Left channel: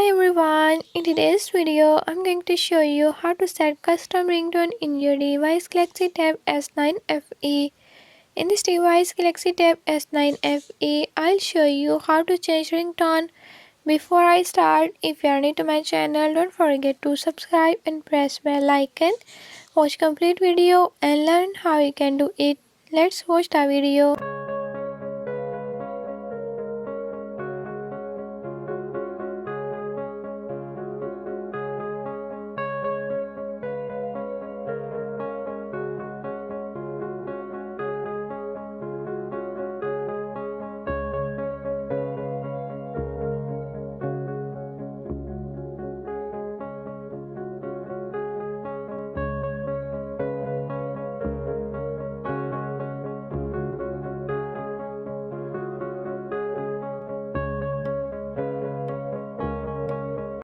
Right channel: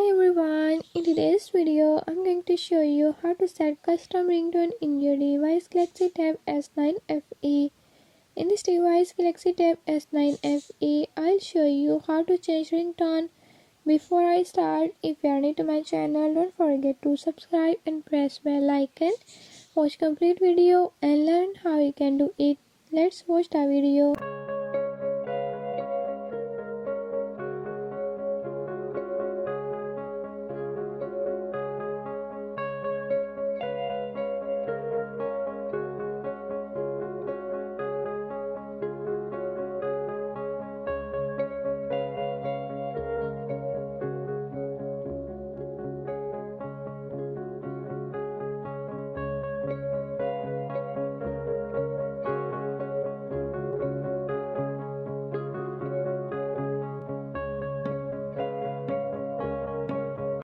Hi everyone, in today's video I'm going to show you how to set custom ringtone in your device Galaxy Tab S9 FE. In this device Galaxy Tab S9 FE, I'll show you how to change ringtone. Before I start, if you are new to my channel, don't forget to subscribe and press bell icon. Watch complete video and learn how you can do it. Let's watch the video.